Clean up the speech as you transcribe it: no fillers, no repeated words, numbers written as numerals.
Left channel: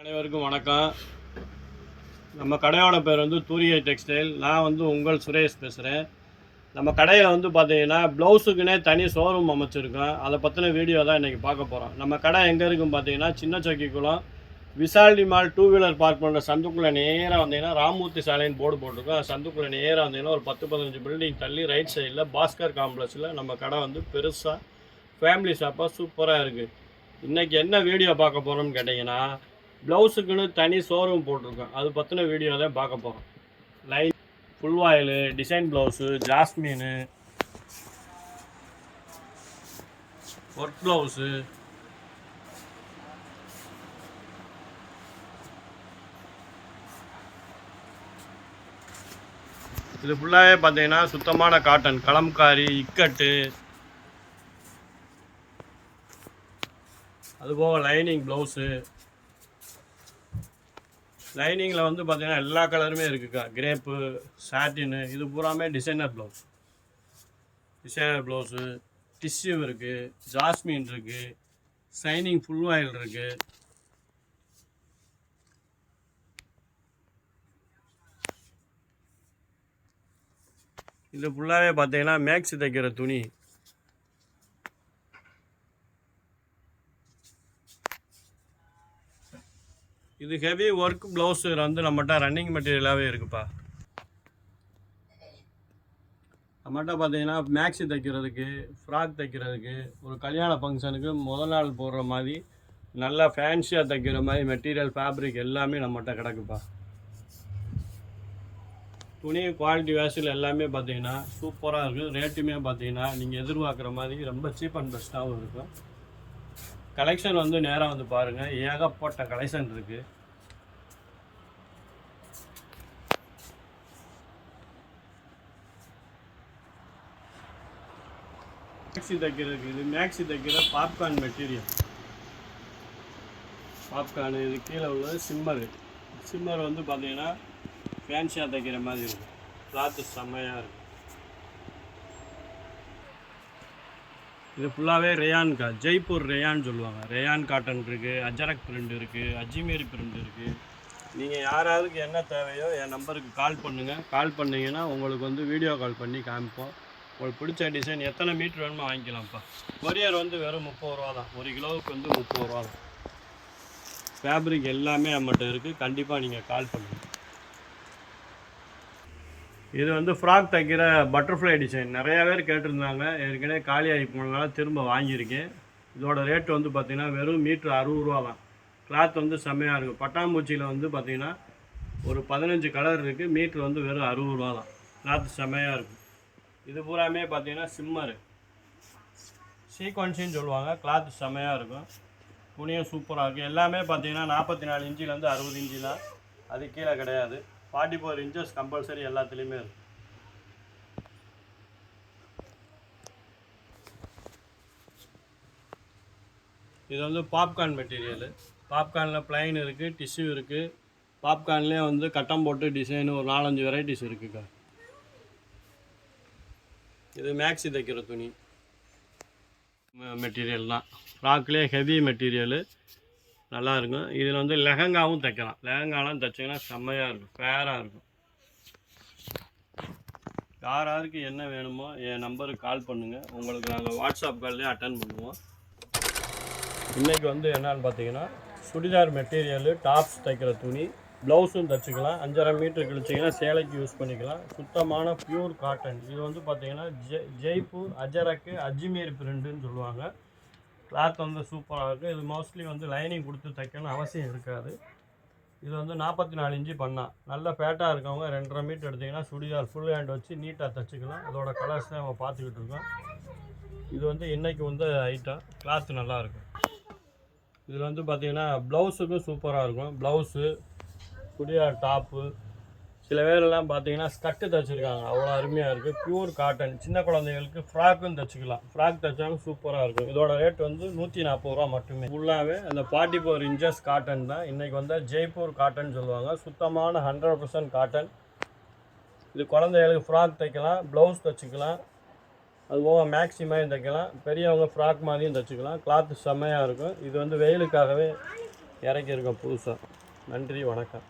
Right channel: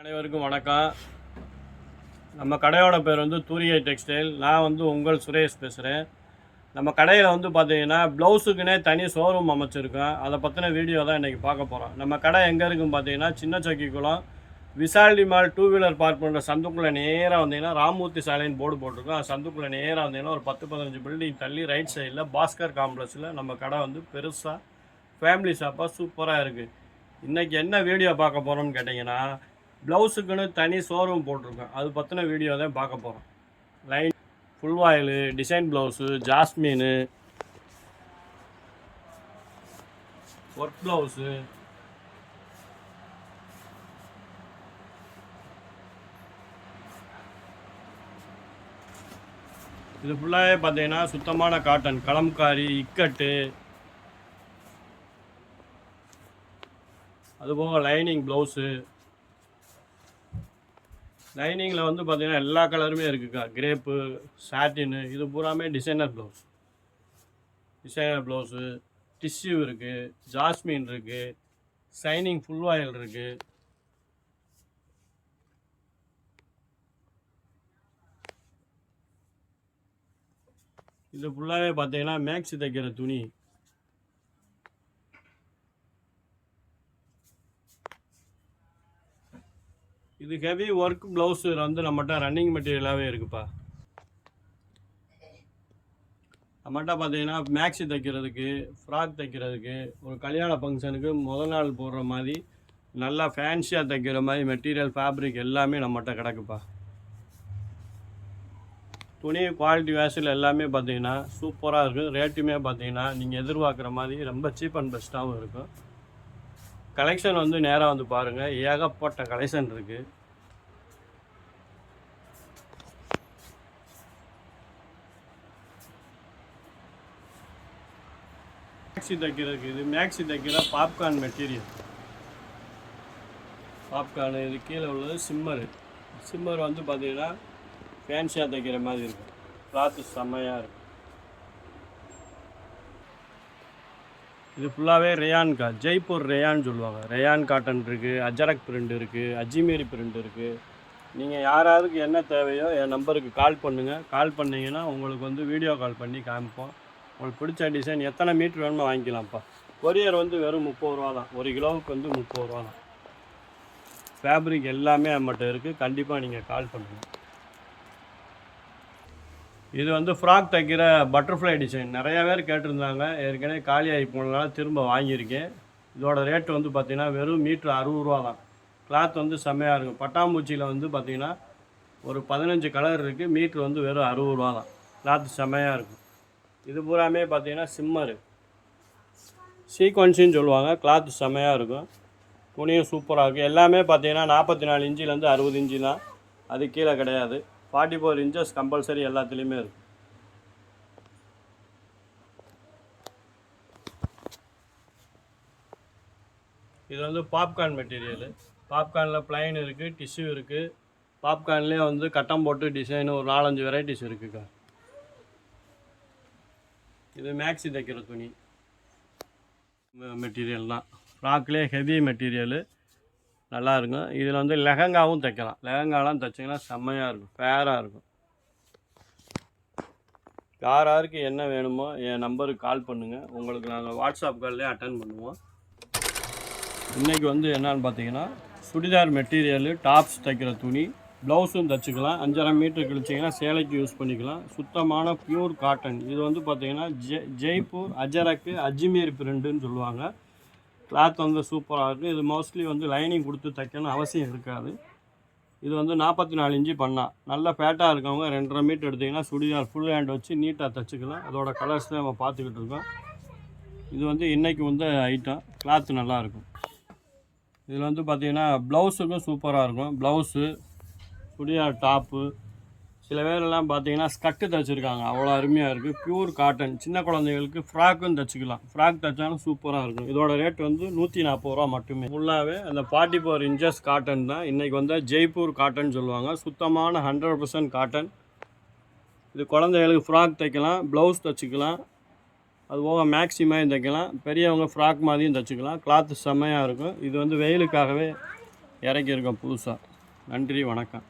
அனைவருக்கும் வணக்கம். நம்ம கடையோட பேர் வந்து தூரிகை டெக்ஸ்டைல். நான் வந்து உங்கள் சுரேஷ் பேசுகிறேன். நம்ம கடையில் வந்து பார்த்தீங்கன்னா ப்ளவுஸுக்குன்னே தனி ஷோரூம் அமைச்சிருக்கோம். அதை பற்றின வீடியோ தான் இன்றைக்கி பார்க்க போகிறோம். நம்ம கடை எங்கே இருக்குன்னு பார்த்தீங்கன்னா சின்ன சொக்கிக்குளம் விசால்டி மால் 2 வீலர் பார்க் பண்ணுற சந்துக்குள்ளே நேராக வந்தீங்கன்னா ராமூர்த்தி சாலைன்னு போர்டு போட்டிருக்கோம். சந்துக்குள்ளே நேராக வந்தீங்கன்னா ஒரு 10-15 பில்டிங் தள்ளி ரைட் சைடில் பாஸ்கர் காம்ப்ளெக்ஸில் நம்ம கடை வந்து பெருசாக ஃபேமிலி ஷாப்பாக சூப்பராக இருக்குது. இன்றைக்கி என்ன வீடியோ பார்க்க போகிறோம்னு கேட்டிங்கன்னா ப்ளவுஸுக்குன்னு தனி ஷோரூம் போட்டிருக்கோம். அது பற்றின வீடியோ தான் பார்க்க போகிறோம். Line full voile, design blouse, jasmine, work blouse, இது ஃபுல்லாகவே பார்த்தீங்கன்னா சுத்தமான காட்டன், கலம்காரி, இக்கட்டு, அதுபோக லைனிங் ப்ளவுஸு. லைனிங்கில் வந்து பார்த்திங்கன்னா எல்லா கலருமே இருக்குக்கா. கிரேப்பு, சாட்டினு, இது பூராமே டிசைனர் ப்ளவுஸு, டிஷ்யூ இருக்குது, ஜாஸ்மின் இருக்குது, ஷைனிங் ஃபுல் ஆயில் இருக்குது. இது ஃபுல்லாகவே பார்த்தீங்கன்னா மேக்ஸி தைக்கிற துணி. இது ஹெவி ஒர்க் ப்ளவுஸு வந்து நம்மகிட்ட ரன்னிங் மெட்டீரியலாகவே இருக்குப்பா. நம்மகிட்ட பார்த்தீங்கன்னா மேக்ஸி தைக்கிறதுக்கு, ஃப்ராக் தைக்கிறதுக்கு, ஒரு கல்யாண ஃபங்க்ஷனுக்கு முதல் நாள் போடுற மாதிரி நல்லா ஃபேன்சியாக தைக்கிற மாதிரி மெட்டீரியல், ஃபேப்ரிக் எல்லாமே நம்மகிட்ட கிடக்குப்பா. துணி குவாலிட்டி வேஸில் எல்லாமே பார்த்தீங்கன்னா சூப்பராக இருக்கும். ரேட்டுமே பார்த்தீங்கன்னா நீங்கள் எதிர்பார்க்குற மாதிரி ரொம்ப சீப் அண்ட் பெஸ்ட்டாகவும் இருக்கும். கலெக்ஷன் வந்து நேராக வந்து பாருங்கள், ஏகப்பட்ட கலெக்ஷன் இருக்குது. மேக்ஸி தைக்கிறதுக்கு, இது மேக்ஸி தைக்கிற பாப்கார்ன் மெட்டீரியல். பாப்கார்னு இது கீழே உள்ளது சிம்மர் வந்து பார்த்தீங்கன்னா ஃபேன்சியாக தைக்கிற மாதிரி இருக்கும். கிளாத்து செம்மையாக இருக்கும். இது ஃபுல்லாகவே ரேயான்கா, ஜெய்ப்பூர் ரேயான் சொல்லுவாங்க. ரேயான் காட்டன் இருக்குது, அஜரக் பிரிண்ட் இருக்குது, அஜ்மீரி பிரிண்ட் இருக்குது. நீங்கள் யாருக்கு என்ன தேவையோ என் நம்பருக்கு கால் பண்ணுங்கள். கால் பண்ணிங்கன்னா உங்களுக்கு வந்து வீடியோ கால் பண்ணி காமிப்போம். உங்களுக்கு பிடிச்ச டிசைன் எத்தனை மீட்ரு வேணுமோ வாங்கிக்கலாம்ப்பா. கொரியர் வந்து வெறும் 30 ரூபா தான். 1 கிலோவுக்கு வந்து 30 ரூபா தான். ஃபேப்ரிக் எல்லாமே நம்மகிட்ட இருக்குது. கண்டிப்பாக நீங்கள் கால் பண்ணுங்கள். இது வந்து ஃப்ராக் தைக்கிற பட்டர்ஃப்ளை டிசைன். நிறையா பேர் கேட்டிருந்தாங்க. ஏற்கனவே காலியாகி போனதுனால திரும்ப வாங்கியிருக்கேன். இதோட ரேட்டு வந்து பார்த்திங்கன்னா வெறும் மீட்ரு 60 ரூபா தான். கிளாத் வந்து செம்மையாக இருக்கும். பட்டாம்பூச்சியில் வந்து பார்த்திங்கன்னா ஒரு 15 கலர் இருக்குது. மீட்ரு வந்து வெறும் 60 ரூபா தான். கிளாத்து செம்மையாக இருக்கும். இது பூராமே பார்த்திங்கன்னா சிம்மரு, சீக்வன்ஸுன்னு சொல்லுவாங்க. கிளாத்து செம்மையாக இருக்கும். துணியும் சூப்பராக இருக்கும். எல்லாமே பார்த்திங்கன்னா 44 இன்ச்சிலேருந்து 60 இன்ச்சு தான். அது கீழே கிடையாது. 44 இன்ச்சஸ் கம்பல்சரி எல்லாத்துலேயுமே இருக்கும். இது வந்து பாப்கார்ன் மெட்டீரியலு. பாப்கார்னில் ப்ளைன் இருக்குது, டிஷ்யூ இருக்குது. பாப்கார்ன்லேயே வந்து கட்டம் போட்டு டிசைனு ஒரு 4-5 வெரைட்டிஸ் இருக்குக்கா. இது மேக்ஸி தைக்கிற துணி மெட்டீரியல் தான். ஃப்ராக்லேயே ஹெவி மெட்டீரியலு நல்லா இருக்கும். இதில் வந்து லெஹங்காவும் தைக்கலாம். லெஹங்காலாம் தைச்சிங்கன்னா செம்மையாக இருக்கும், ஃபேராக இருக்கும். யாருக்கு என்ன வேணுமோ என் நம்பருக்கு கால் பண்ணுங்கள். உங்களுக்கு நாங்கள் வாட்ஸ்அப் கால்லேயே அட்டன் பண்ணுவோம். இன்றைக்கி வந்து என்னென்னு பார்த்தீங்கன்னா சுடிதார் மெட்டீரியலு, டாப்ஸ் தைக்கிற துணி, ப்ளவுஸும் தைச்சிக்கலாம். 5.5 மீட்ரு கழிச்சிங்கன்னா சேலைக்கு யூஸ் பண்ணிக்கலாம். சுத்தமான பியூர் காட்டன். இது வந்து பார்த்திங்கன்னா ஜெய்ப்பூர் அஜரக்கு அஜ்மீர் பிரிண்டுன்னு சொல்லுவாங்க. கிளாத் வந்து சூப்பராக இருக்குது. இது மோஸ்ட்லி வந்து லைனிங் கொடுத்து தைக்கணும்னு அவசியம் இருக்காது. இது வந்து 44 இன்ச்சு பண்ணால் நல்லா ஃபேட்டாக இருக்கவங்க 2.5 மீட்டர் எடுத்திங்கன்னா சுடிதார் ஃபுல் ஹேண்ட் வச்சு நீட்டாக தைச்சிக்கலாம். அதோட கலர்ஸ் தான் நம்ம பார்த்துக்கிட்டு இருக்கோம். இது வந்து இன்றைக்கி வந்து ஐட்டம். கிளாத்து நல்லாயிருக்கும். இதில் வந்து பார்த்திங்கன்னா ப்ளவுஸுக்கும் சூப்பராக இருக்கும். ப்ளவுஸு, சுடிதார் டாப்பு, சில பேரெல்லாம் பார்த்தீங்கன்னா ஸ்கட்டு தைச்சிருக்காங்க. அவ்வளோ அருமையாக இருக்குது. Pure cotton. சின்ன குழந்தைங்களுக்கு ஃப்ராக்கும் தைச்சிக்கலாம். ஃப்ராக் தைச்சாலும் சூப்பராக இருக்கும். இதோட ரேட் வந்து 140 ரூபா மட்டுமே. ஃபுல்லாகவே அந்த 44 இன்ச்சஸ் காட்டன் தான். இன்றைக்கி வந்து ஜெய்ப்பூர் காட்டன் சொல்லுவாங்க. சுத்தமான 100% காட்டன். இது குழந்தைகளுக்கு ஃப்ராக் தைக்கலாம், ப்ளவுஸ் தைச்சிக்கலாம், அதுபோக மேக்ஸிமையும் தைக்கலாம். பெரியவங்க ஃப்ராக் மாதிரியும் தைச்சிக்கலாம். கிளாத்து செம்மையாக இருக்கும். இது வந்து வெயிலுக்காகவே இறக்கியிருக்கோம் புதுசாக. நன்றி, வணக்கம்.